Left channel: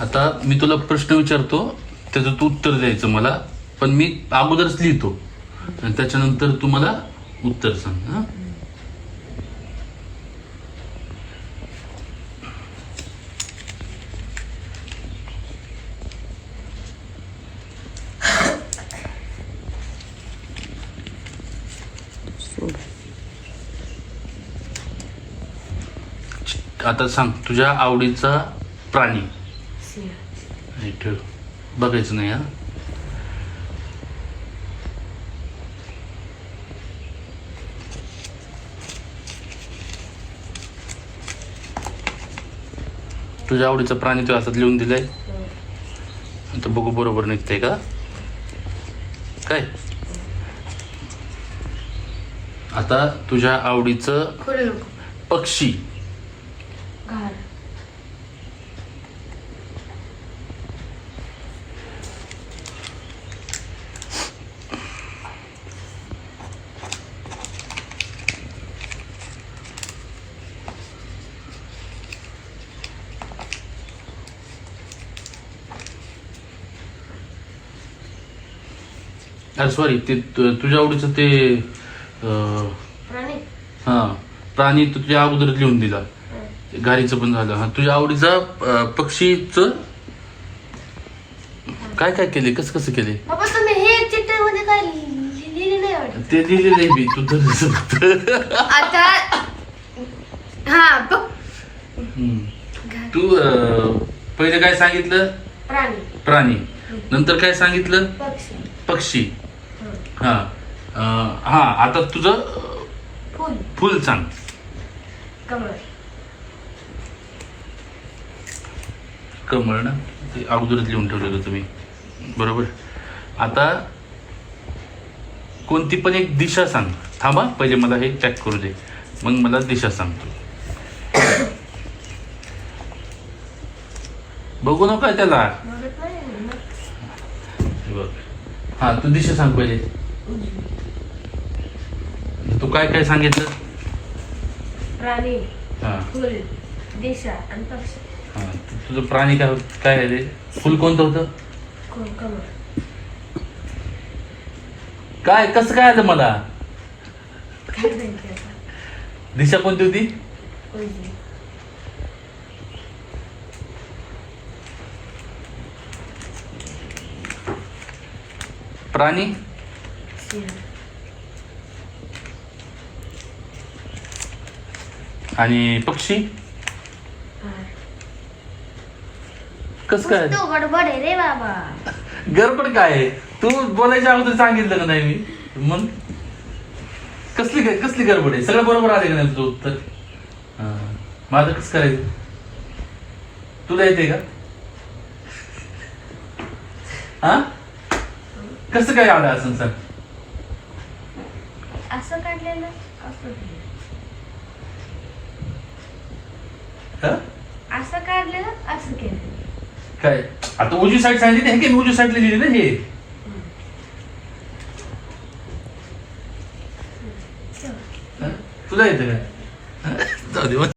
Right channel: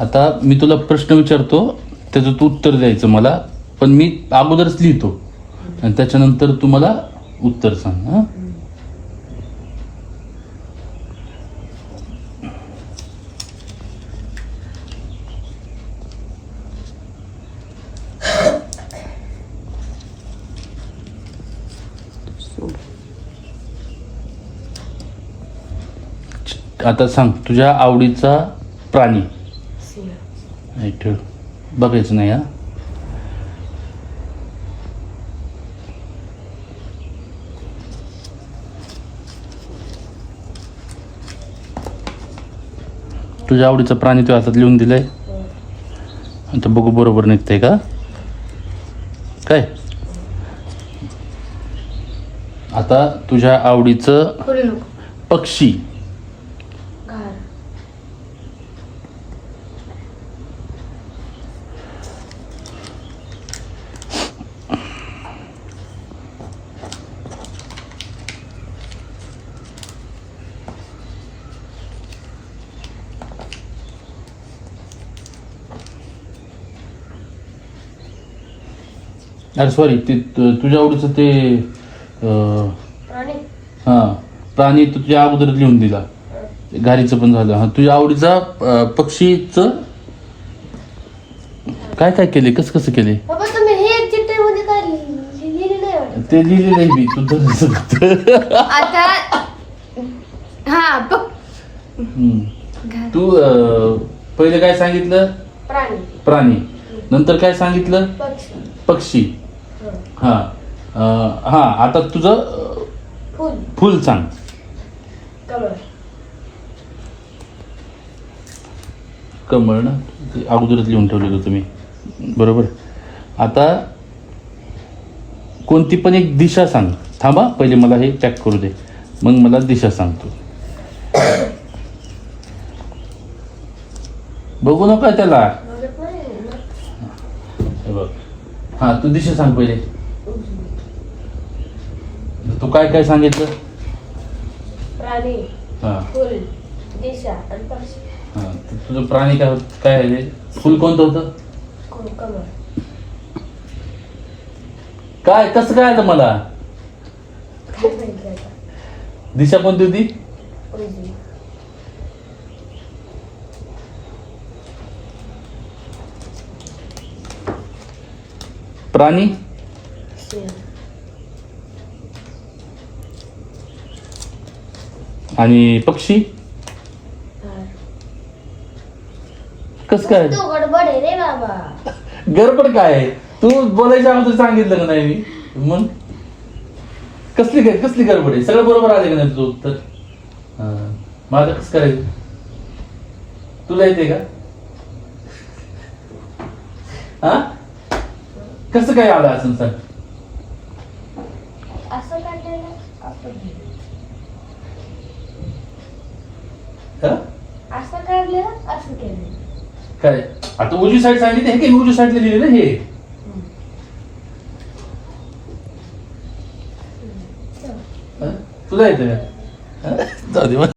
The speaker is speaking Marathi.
आता मी तुला प्रश्न विचारतो, त्याचं तू उत्तर द्यायचं मला, पण मी अगोदरच लिहितो आणि त्याच्यानंतर तू मला उत्तर सांग. हा, आता सांग तुझ्या आवडीचा प्राणी. हे ठेव, बघायचं नाही. हा, तुझ्या आवडीचा प्राणी तू हातात लिहून दिलाय. आता बघू बरोबर निघतंय का काय. आता तुझ्या आवडीचं पक्षी. अरे सॉरी, ते तुझ्या आवडीचं ते हा प्राणी तर तुझ्या अगोदर लिहून दिला. गाडीचं पण झालं. हा, तुझ्या आवडीचा पक्षीचं काय काय केले, कसं कसं केले ते लिहिलेलं आहे मी. तू आता तू पहिले काय सांगितलं, प्राणी. नंतर काय सांगितलं, पक्षी. हा हा, आता तुझं फुल सांग. कमळ ना, ते अगोदरच लिहून ठेवलेलं तुम्ही, बरोबर. आता कोणती पण एक दिशा सांग. थांबा, पहिले मला हे चेक करू दे, मग मला दिशा सांगतो. बघू नका त्याला. हा, तू दिशा सांग पहिले. तू काय काय सांगितलं, प्राणी, फुल, दिशा आणि पक्षी. हा, तुझं प्राणी काय काय आहे रे, फुल कोणतं होतं, कमळ. काय कसं काय आता मला दिशा कोणती होती, प्राणी आणि पक्षी कस काय. गडबड आहे रे बाबा. गडबड काय आहे, तू बोलायच्या अगोदर सांगितलं का नाही मी. मग कसली गडबड आहे, सगळं बरोबर आले का नाही तुझं उत्तर. माझं कसं करायचं, तुला येते का. हा, कसं काय आलं असं सांग. असं काढलेलं असं काढलेलं असं केलं काय. आता उजवी साईड सांगितली, हे काय मी उजवी साईडला लिहिले ना हे. तुला येते का.